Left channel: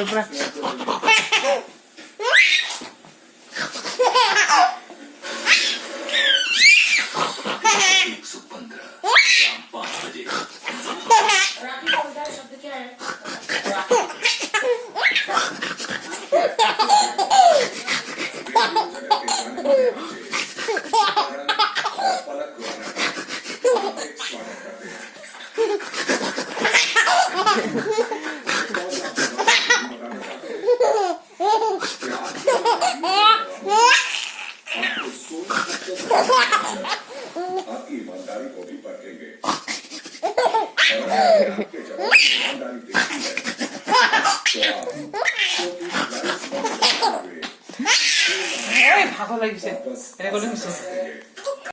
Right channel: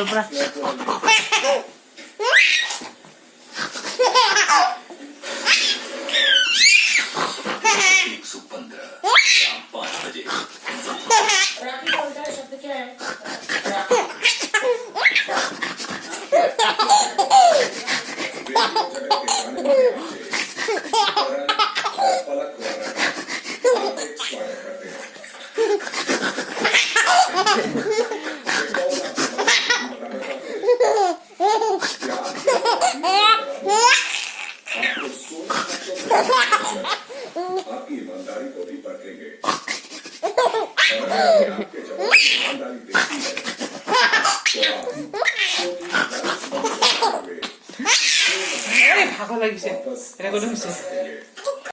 পুরা आपकी ईमानदारी को भी परखेंगे और आपके जवाब की ईमानदारी देखी है ভালো লাগিছে